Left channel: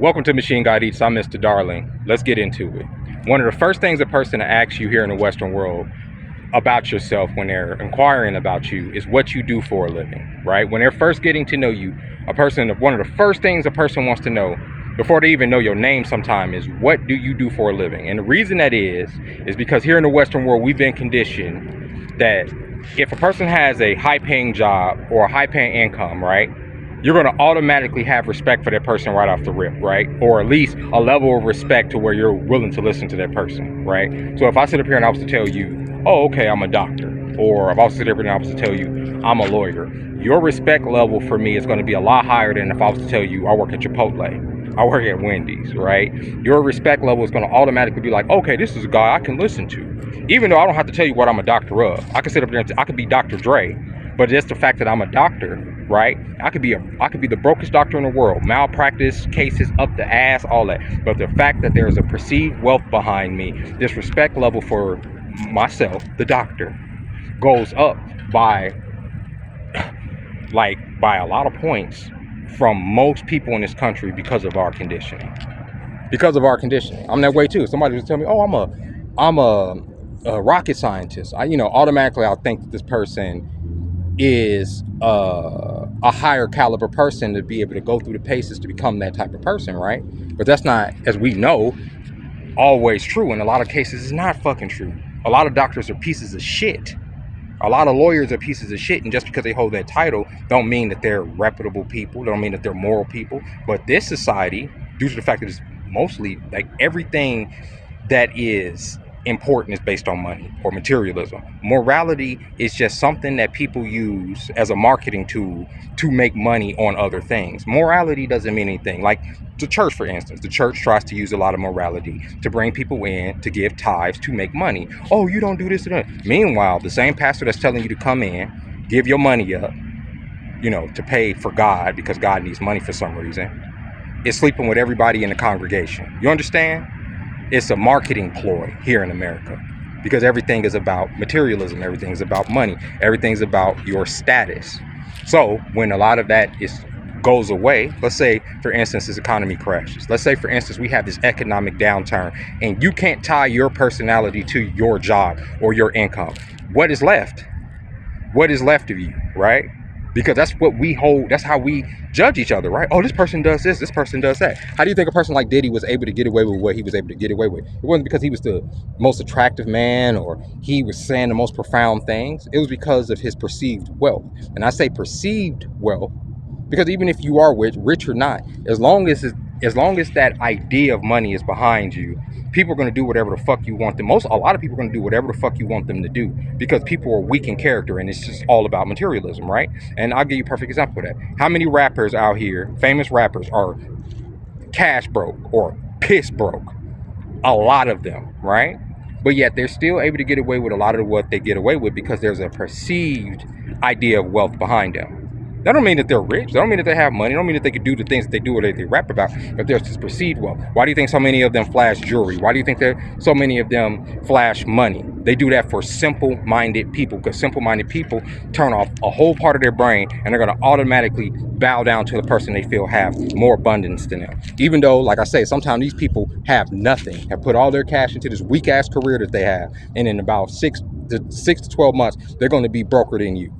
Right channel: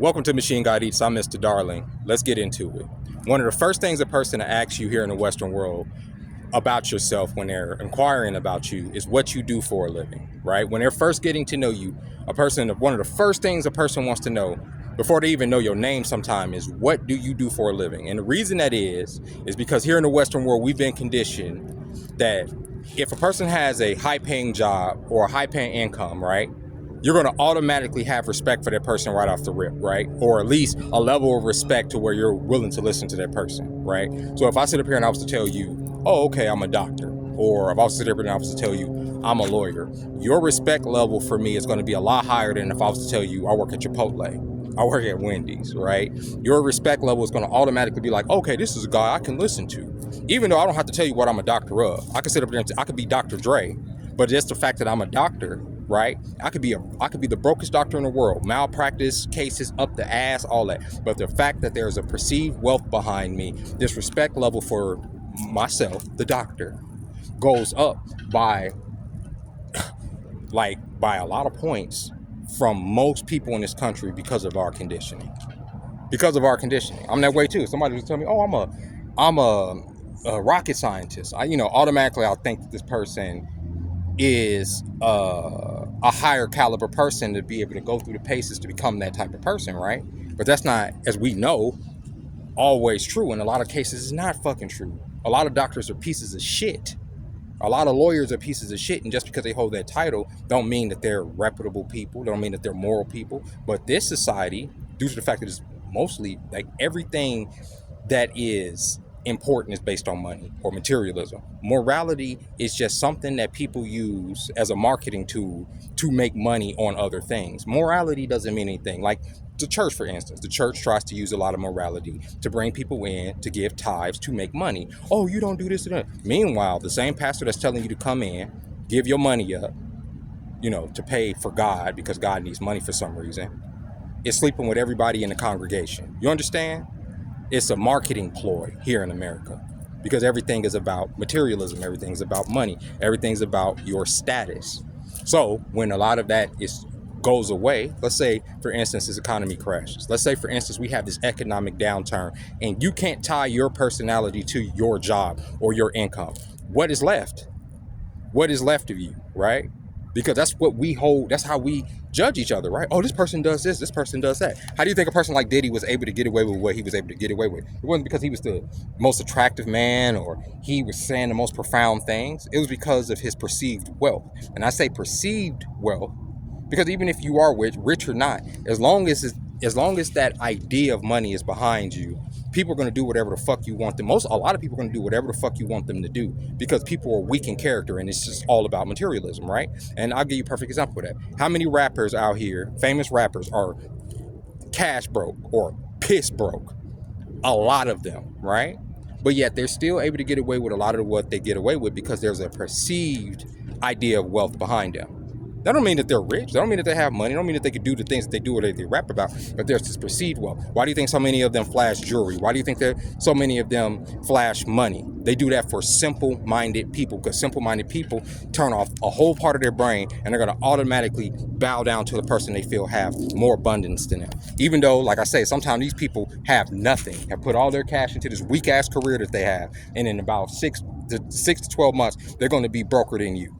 Welcome to Machine God Eats. I'm Mr. Darling. Let's get into it. One of the first things a person asks you here in the Western world about yourself when they're inquiring about you is what you do for a living, right? When they're first getting to know you, one of the first things a person wants to know before they even know your name sometime is what do you do for a living? And the reason that is because here in the Western world, we've been conditioned that if a person has a high-paying job or a high-paying income, right, you're going to automatically have respect for that person right off the rip, right? Or at least a level of respect to where you're willing to listen to that person, right? So if I sit up here and I was to tell you, oh, okay, I'm a doctor, or if I was to sit up here and I was to tell you, I'm a lawyer, your respect level for me is going to be a lot higher than if I was to tell you I work at Chipotle, I work at Wendy's, right? Your respect level is going to automatically be like, okay, this is a guy I can listen to. Even though I don't have to tell you what I'm a doctor of. I can sit up there and I could be Dr. Dre, but just the fact that I'm a doctor, right? I could be the brokest doctor in the world, malpractice cases up the ass, all that. But the fact that there's a perceived wealth behind me, this respect level for myself, the doctor, goes up by a lot of points from most people in this country because of our conditioning. Because of our conditioning, I'm that way too. Somebody just tell me, "Oh, I'm a rocket scientist." Automatically I'll think that this person is a higher caliber person to be able to go through the paces to become that type of person, right? But that's not, as we know, always true. In a lot of cases, it's not fucking true. A lot of doctors are pieces of shit. A lot of lawyers are pieces of shit, and just because they hold that title don't mean that they're reputable people, don't mean that they're moral people. But this society, due to the fact that it's mostly like everything that is important is based on money or materialism. Morality is just something that people use as a marketing tool to make money on other things. Morality doesn't mean anything. Like the church, for instance, the church tries to use a lot of morality to bring people in, to give tithes, to make money. Oh, you don't do this and that. Meanwhile, the same pastor that's telling you to come in, give your money up, to pay for God because God needs money for some reason, is sleeping with everybody in the congregation. You understand? It's a marketing ploy here in America because everything is about materialism. Everything is about money. Everything's about your status. So when a lot of that goes away, let's say, for instance, this economy crashes. Let's say, for instance, we have this economic downturn and you can't tie your personality to your job or your income. What is left? What is left of you, right? Because that's what we hold, that's how we judge each other, right? Oh, this person does this person does that. How do you think a person like Diddy was able to get away with what he was able to get away with? It wasn't because he was the most attractive man or he was saying the most profound things. It was because of his perceived wealth. And I say perceived wealth because even if you are rich or not, as long as that idea of money is behind you, people are going to do whatever the fuck you want them. A lot of people are going to do whatever the fuck you want them to do because people are weak in character and it's just all about materialism, right? And I'll give you a perfect example of that. How many rappers out here, famous rappers, are cash broke or piss broke? A lot of them, right? But yet they're still able to get away with a lot of what they get away with because there's a perceived idea of wealth behind them. That don't mean that they're rich. That don't mean that they have money. That don't mean that they could do the things that they do or that they rap about. But there's this perceived wealth. Why do you think so many of them flash jewelry? Why do you think that so many of them flash money? They do that for simple-minded people because simple-minded people turn off a whole part of their brain and they're going to automatically bow down to the person they feel have more abundance than them. Even though, like I say, sometimes these people have nothing, have put all their cash into this weak-ass career that they have. And in about 6 to 12 months, they're going to be broker than you.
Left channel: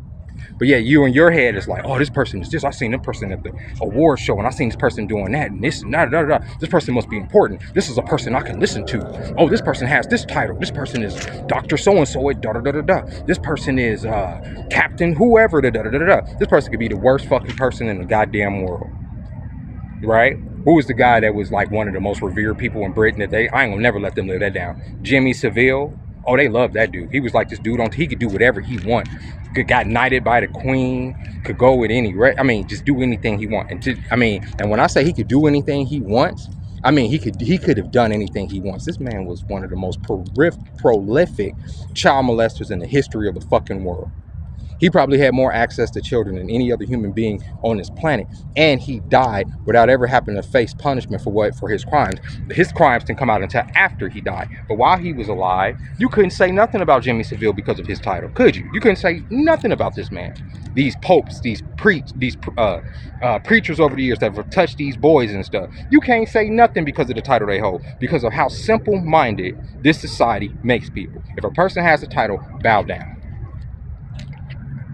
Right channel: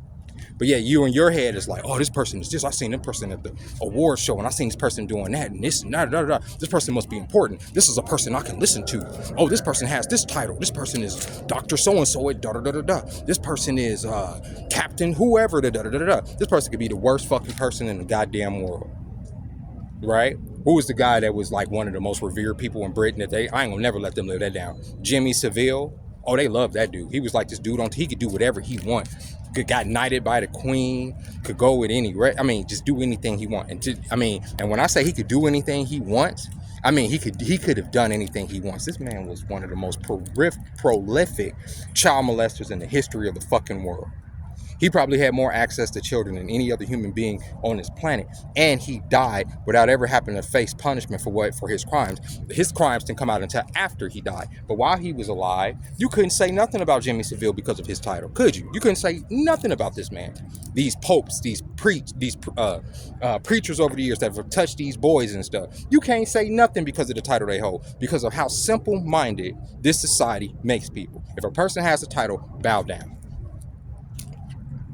But yeah, you in your head is like, oh, this person is this. I seen this person at the award show and I seen this person doing that and this and that. This person must be important. This is a person I can listen to. Oh, this person has this title. This person is Dr. So-and-so at da-da-da-da-da. This person is Captain whoever, da-da-da-da-da. This person could be the worst fucking person in the goddamn world. Right? Who was the guy that was like one of the most revered people in Britain I ain't gonna never let them live that down. Jimmy Savile. Oh, they loved that dude. He was like this dude he could do whatever he want. Got knighted by the queen, could go with any, just do anything he want. And when I say he could do anything he wants, he could have done anything he wants. This man was one of the most prolific child molesters in the history of the fucking world. He probably had more access to children than any other human being on this planet, and he died without ever having to face punishment for his crimes. His crimes didn't come out until after he died. But while he was alive, you couldn't say nothing about Jimmy Savile because of his title, could you? You couldn't say nothing about this man. These popes, these preachers over the years that have touched these boys and stuff. You can't say nothing because of the title they hold, because of how simple-minded this society makes people. If a person has a title, bow down.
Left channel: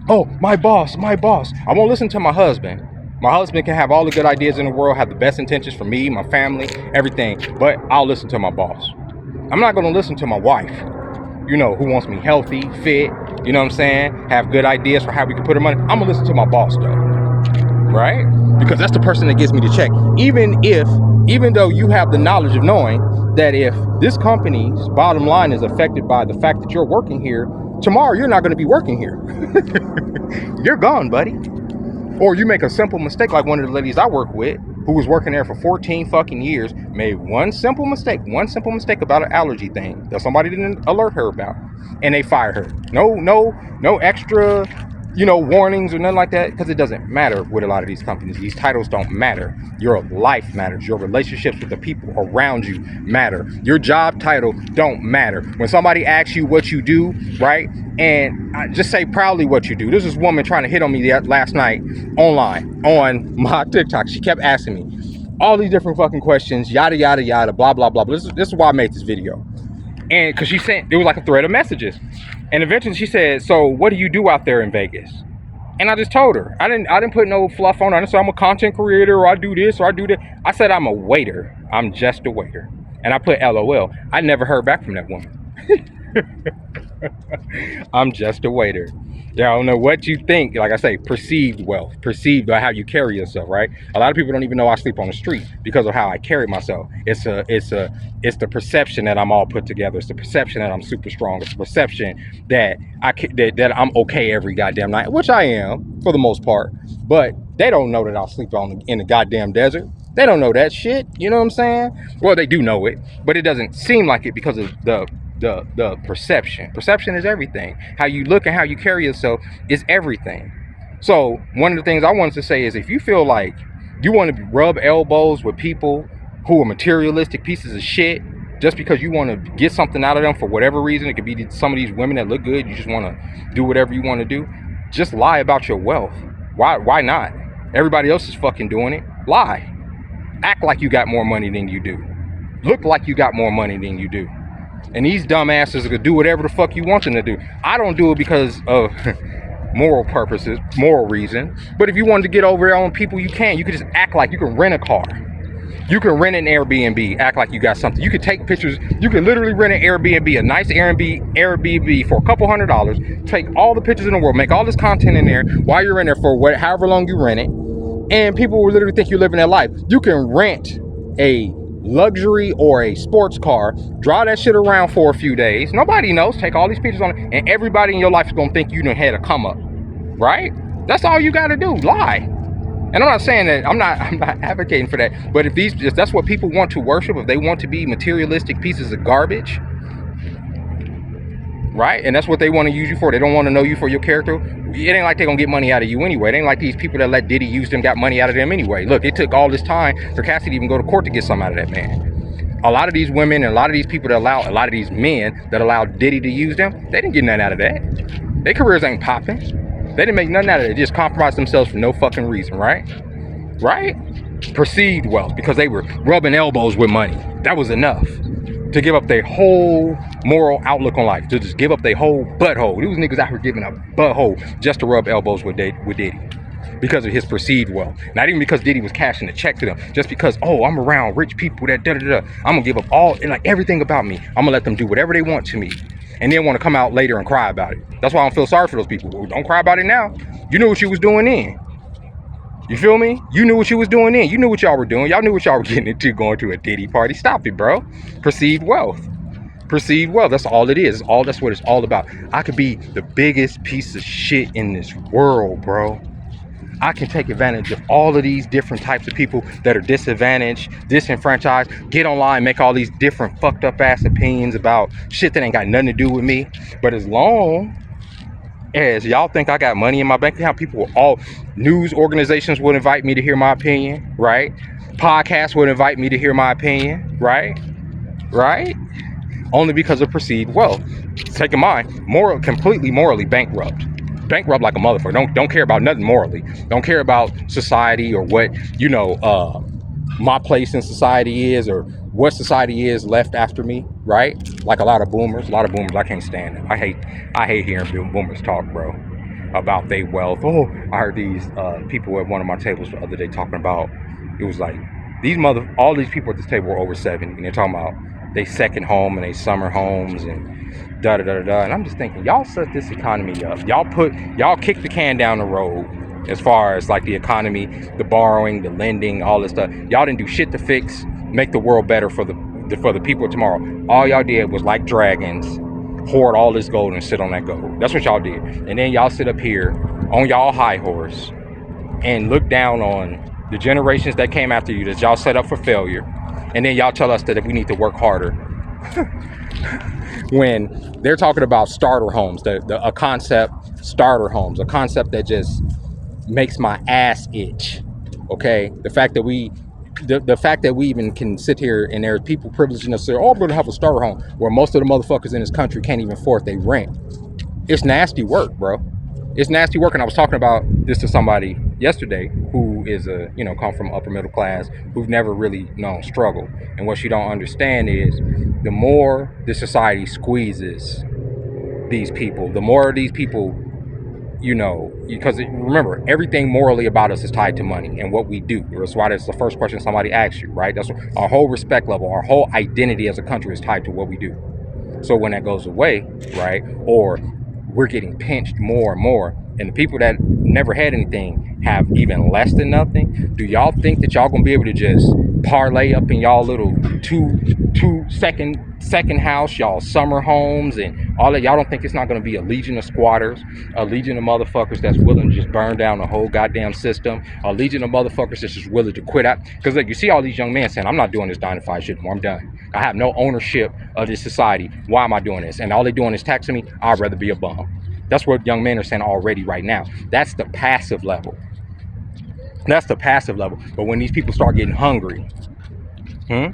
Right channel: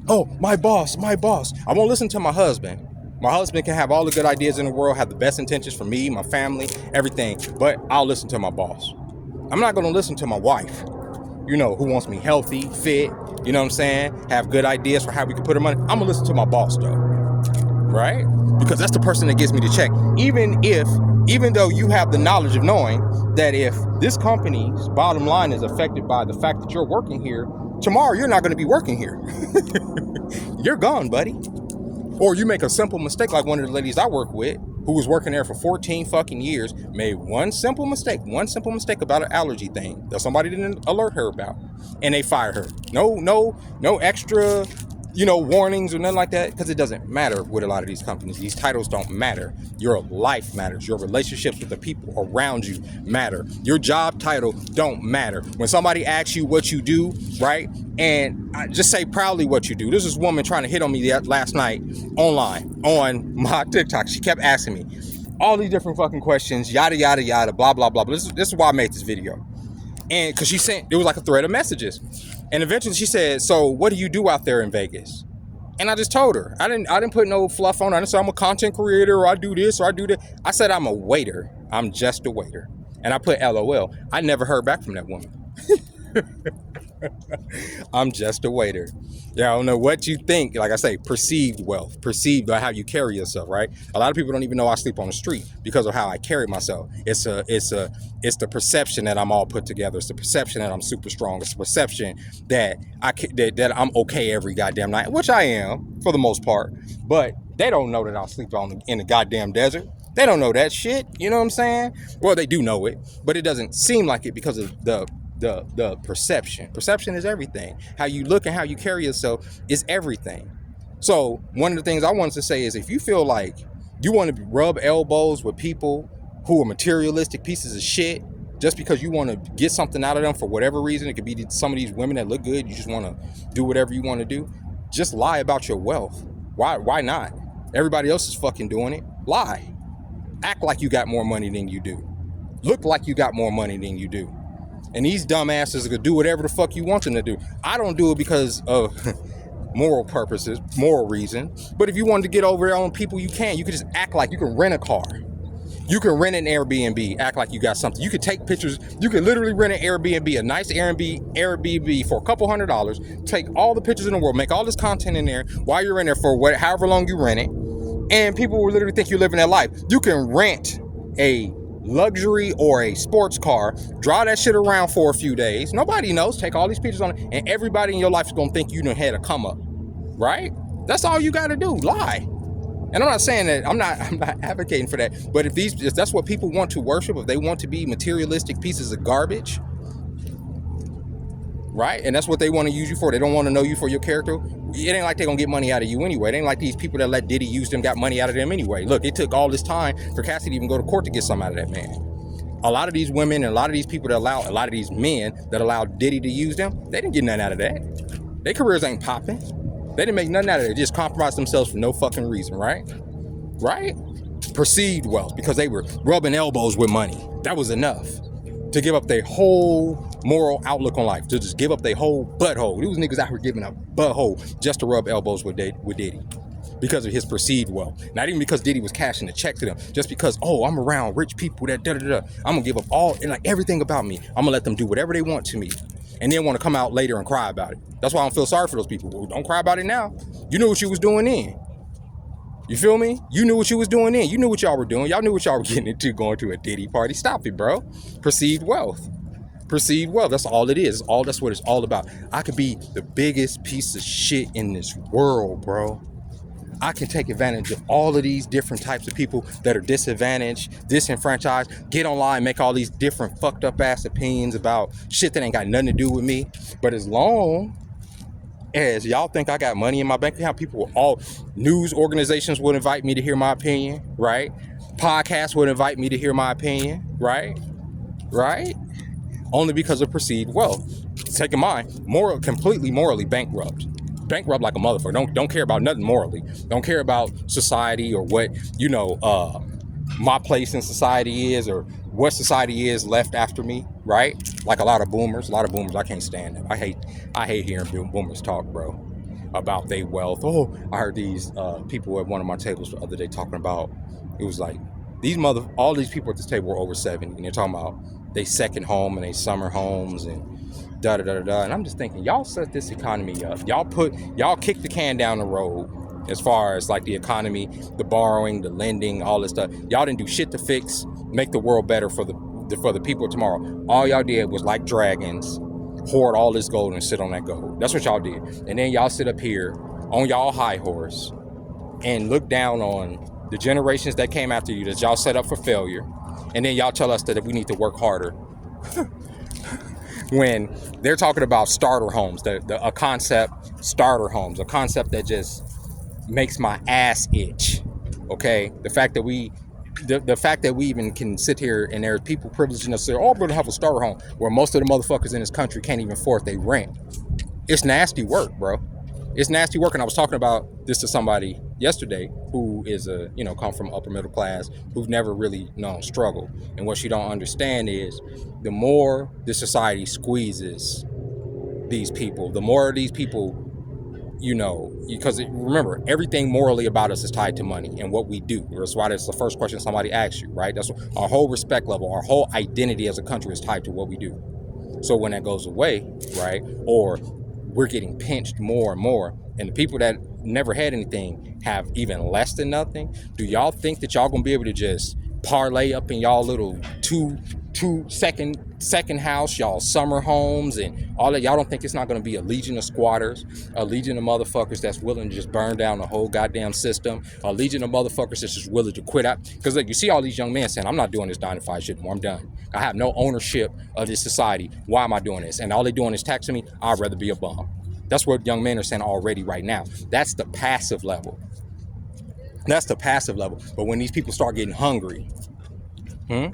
Oh, my boss. I won't listen to my husband. My husband can have all the good ideas in the world, have the best intentions for me, my family, everything, but I'll listen to my boss. I'm not gonna listen to my wife, you know, who wants me healthy, fit, you know what I'm saying? Have good ideas for how we can put her money. I'm gonna listen to my boss though, right? Because that's the person that gives me the check. Even though you have the knowledge of knowing that if this company's bottom line is affected by the fact that you're working here, tomorrow you're not gonna be working here. You're gone, buddy. Or you make a simple mistake like one of the ladies I work with, who was working there for 14 fucking years, made one simple mistake about an allergy thing that somebody didn't alert her about, and they fired her. No extra, warnings or nothing like that, because it doesn't matter with a lot of these companies. These titles don't matter. Your life matters. Your relationships with the people around you matter. Your job title don't matter. When somebody asks you what you do, right, and I just say proudly what you do. There's this woman trying to hit on me last night online on my TikTok. She kept asking me all these different fucking questions, yada, yada, yada, blah, blah, blah. But this is why I made this video. And because it was like a thread of messages. And eventually she said, so what do you do out there in Vegas? And I just told her. I didn't put no fluff on her. I didn't say I'm a content creator, or I do this, or I do that. I said I'm a waiter. I'm just a waiter. And I put LOL. I never heard back from that woman. I'm just a waiter. Yeah, I don't know what you think. Like I say, perceived wealth, perceived by how you carry yourself, right? A lot of people don't even know I sleep on the street because of how I carry myself. It's the perception that I'm all put together. It's the perception that I'm super strong. It's the perception that that I'm okay every goddamn night, which I am for the most part. But they don't know that I'll sleep in the goddamn desert. They don't know that shit. You know what I'm saying? Well, they do know it, but it doesn't seem like it because of the perception. Perception is everything. How you look and how you carry yourself is everything. So one of the things I wanted to say is, if you feel like you want to rub elbows with people who are materialistic pieces of shit just because you want to get something out of them for whatever reason, it could be some of these women that look good, you just want to do whatever you want to do, just lie about your wealth. Why not? Everybody else is fucking doing it. Lie. Act like you got more money than you do. Look like you got more money than you do. And these dumbasses are gonna do whatever the fuck you want them to do. I don't do it because of moral purposes, moral reason. But if you wanted to get over on people, you can. You can just act like you can rent a car. You can rent an Airbnb, act like you got something. You can take pictures. You can literally rent an Airbnb, a nice Airbnb for a couple $100. Take all the pictures in the world, make all this content in there while you're in there for however long you rent it. And people will literally think you're living that life. You can rent a luxury or a sports car, draw that shit around for a few days. Nobody knows. Take all these pictures on it, and everybody in your life is gonna think you done had a come up, right? That's all you gotta do. Lie. And I'm not saying that I'm not advocating for that. But if that's what people want to worship, if they want to be materialistic pieces of garbage, right? And that's what they want to use you for. They don't want to know you for your character. It ain't like they're going to get money out of you anyway. It ain't like these people that let Diddy use them got money out of them anyway. Look, it took all this time for Cassidy to even go to court to get something out of that man. A lot of these women and a lot of these people that allow, a lot of these men that allow Diddy to use them, they didn't get nothing out of that. Their careers ain't popping. They didn't make nothing out of it. They just compromised themselves for no fucking reason, right? Right? Perceived wealth, because they were rubbing elbows with money. That was enough to give up their whole moral outlook on life, to just give up their whole butthole. These niggas out here giving up butthole just to rub elbows with Diddy because of his perceived wealth. Not even because Diddy was cashing a check to them, just because, oh, I'm around rich people that da-da-da. I'm gonna give up all, and like everything about me. I'm gonna let them do whatever they want to me, and then want to come out later and cry about it. That's why I don't feel sorry for those people. Well, don't cry about it now. You knew what you was doing then. You feel me? You knew what you was doing then. You knew what y'all were doing. Y'all knew what y'all were getting into going to a Diddy party. Stop it, bro. Perceived wealth. Perceived wealth. That's all it is. That's what it's all about. I could be the biggest piece of shit in this world, bro. I can take advantage of all of these different types of people that are disadvantaged, disenfranchised, get online, make all these different fucked up ass opinions about shit that ain't got nothing to do with me. But as long as y'all think I got money in my bank account. People, all news organizations would invite me to hear my opinion, right? Podcasts would invite me to hear my opinion, right? Only because of perceived wealth. Take in mind, completely morally bankrupt like a motherfucker. Don't care about nothing morally. Don't care about society or what my place in society is, or what society is left after me, right? Like a lot of boomers, I can't stand them. I hate hearing boomers talk, bro, about their wealth. Oh, I heard these people at one of my tables the other day talking about, it was like, all these people at this table were over 70, and they're talking about they second home and they summer homes and da da da da. And I'm just thinking, y'all set this economy up. Y'all kick the can down the road as far as like the economy, the borrowing, the lending, all this stuff. Y'all didn't do shit to make the world better for the people of tomorrow. All y'all did was, like dragons, hoard all this gold and sit on that gold. That's what y'all did. And then y'all sit up here on y'all high horse and look down on the generations that came after you that y'all set up for failure. And then y'all tell us that if we need to work harder. When they're talking about starter homes, a concept, starter homes, a concept that just makes my ass itch. Okay, the fact that we even can sit here and there are people privileging us to say, oh, I'm gonna have a starter home, where most of the motherfuckers in this country can't even afford their rent. It's nasty work, bro. It's nasty work. And I was talking about this to somebody yesterday who is come from upper middle class, who've never really known struggle. And what she don't understand is, the more the society squeezes these people, the more these people, because remember, everything morally about us is tied to money and what we do. That's why that's the first question somebody asks you, right? That's our whole respect level, our whole identity as a country is tied to what we do. So when that goes away, right, or we're getting pinched more and more, and the people that never had anything have even less than nothing, do y'all think that y'all gonna be able to just parlay up in y'all little two second house, y'all summer homes and all that? Y'all don't think it's not gonna be a legion of squatters, a legion of motherfuckers that's willing to just burn down the whole goddamn system, a legion of motherfuckers that's just willing to quit out? Because like, you see all these young men saying, I'm not doing this 9-to-5 shit anymore, I'm done. I have no ownership of this society. Why am I doing this? And all they're doing is taxing me. I'd rather be a bum. That's what young men are saying already right now. That's the passive level. But when these people start getting hungry, when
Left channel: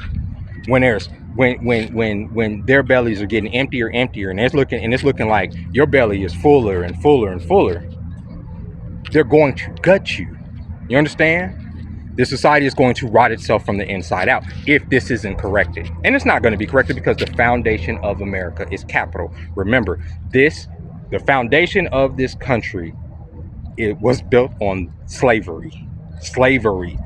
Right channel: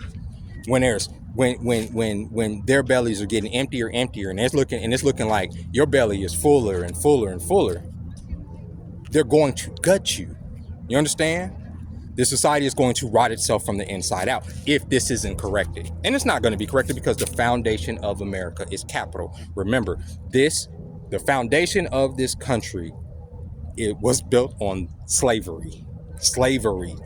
their bellies are getting emptier, and it's looking like your belly is fuller and fuller and fuller, they're going to gut you. You understand? This society is going to rot itself from the inside out if this isn't corrected. And it's not going to be corrected because the foundation of America is capital. Remember, the foundation of this country, it was built on slavery.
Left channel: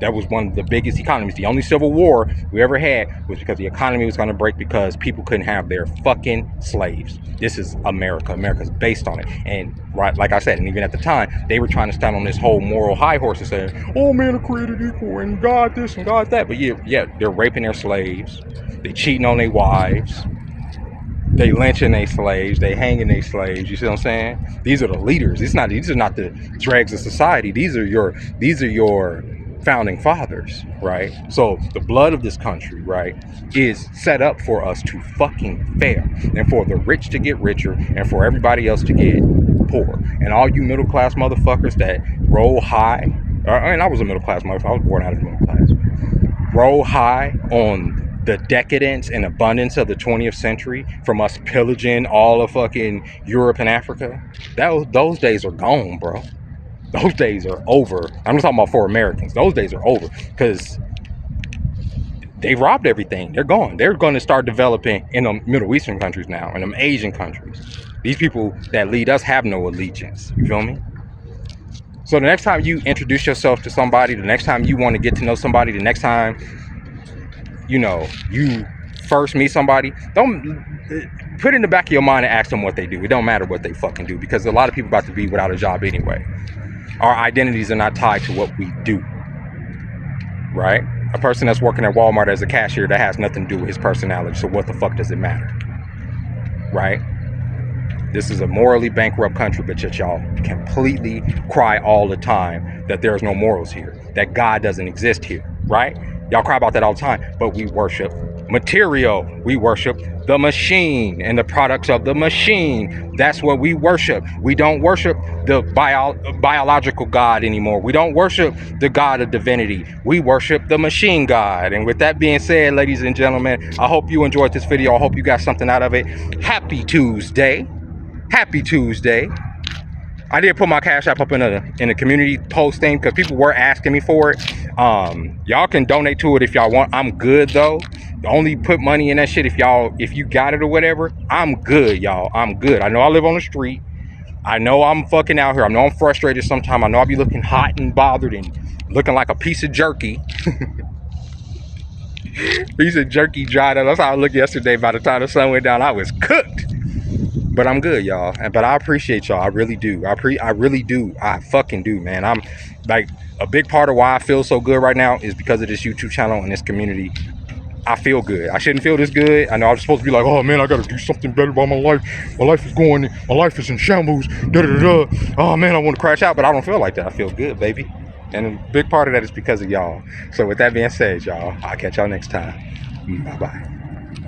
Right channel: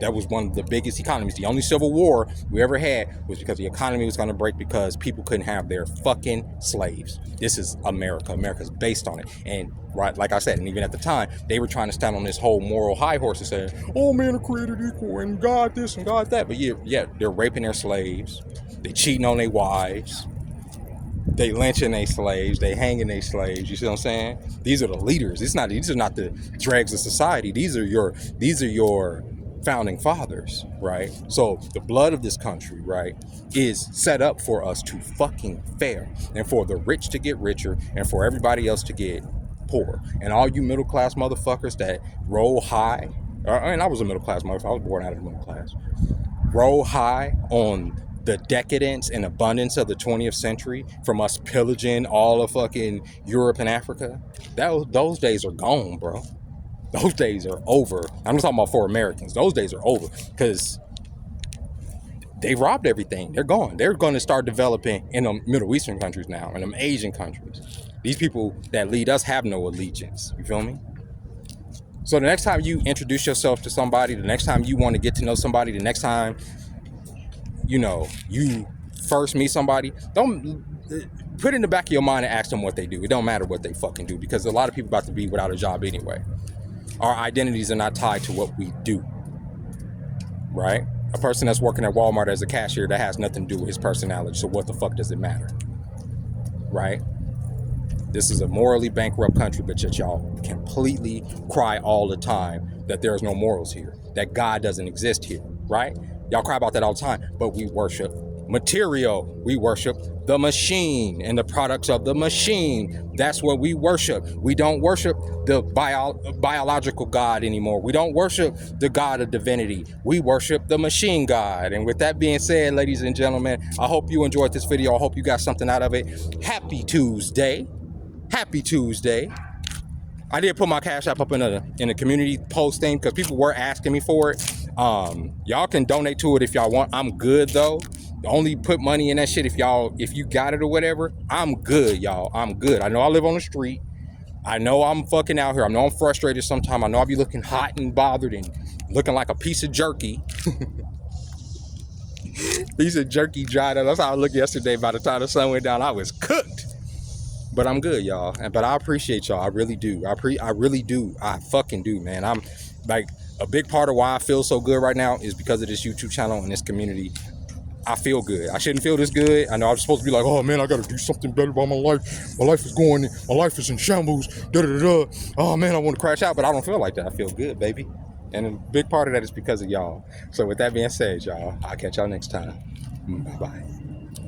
That was one of the biggest economies. The only civil war we ever had was because the economy was going to break because people couldn't have their fucking slaves. This is America. America's based on it. And right, like I said, and even at the time, they were trying to stand on this whole moral high horse and say, oh, men are created equal and God this and God that. But yeah, they're raping their slaves. They cheating on their wives. They lynching their slaves. They hanging their slaves. You see what I'm saying? These are the leaders. These are not the dregs of society. These are your founding fathers, right? So the blood of this country, right, is set up for us to fucking fail, and for the rich to get richer, and for everybody else to get poor. And all you middle class motherfuckers that roll high, I was a middle class motherfucker. I was born out of the middle class. Roll high on the decadence and abundance of the 20th century, from us pillaging all of fucking Europe and Africa. Those days are gone, bro. Those days are over. I'm not talking about for Americans. Those days are over because they robbed everything. They're gone. They're going to start developing in the Middle Eastern countries now, in them Asian countries. These people that lead us have no allegiance. You feel me? So the next time you introduce yourself to somebody, the next time you want to get to know somebody, the next time you first meet somebody, don't put it in the back of your mind and ask them what they do. It don't matter what they fucking do, because a lot of people about to be without a job anyway. Our identities are not tied to what we do, right? A person that's working at Walmart as a cashier, that has nothing to do with his personality. So what the fuck does it matter, right? This is a morally bankrupt country, but yet y'all completely cry all the time that there's no morals here, that God doesn't exist here, right? Y'all cry about that all the time, but we worship material. We worship the machine and the products of the machine. That's what we worship. We don't worship the biological God anymore. We don't worship the God of divinity. We worship the machine God. And with that being said, ladies and gentlemen, I hope you enjoyed this video. I hope you got something out of it. Happy Tuesday. Happy Tuesday. I did put my Cash App up in a community post thing because people were asking me for it. Y'all can donate to it if y'all want. I'm good though. Only put money in that shit if you got it or whatever. I'm good, y'all. I'm good. I know I live on the street. I know I'm fucking out here. I know I'm frustrated sometimes. I know I'll be looking hot and bothered and looking like a piece of jerky. Piece of jerky dried up. That's how I looked yesterday. By the time the sun went down, I was cooked. But I'm good, y'all. But I appreciate y'all. I really do. I really do. I fucking do, man. I'm like, a big part of why I feel so good right now is because of this YouTube channel and this community. I feel good. I shouldn't feel this good. I know I'm supposed to be like, oh man, I gotta do something better about my life. My life is in shambles. Da da da. Oh man, I want to crash out, but I don't feel like that. I feel good, baby. And a big part of that is because of y'all. So with that being said, y'all, I'll catch y'all next time. Bye bye.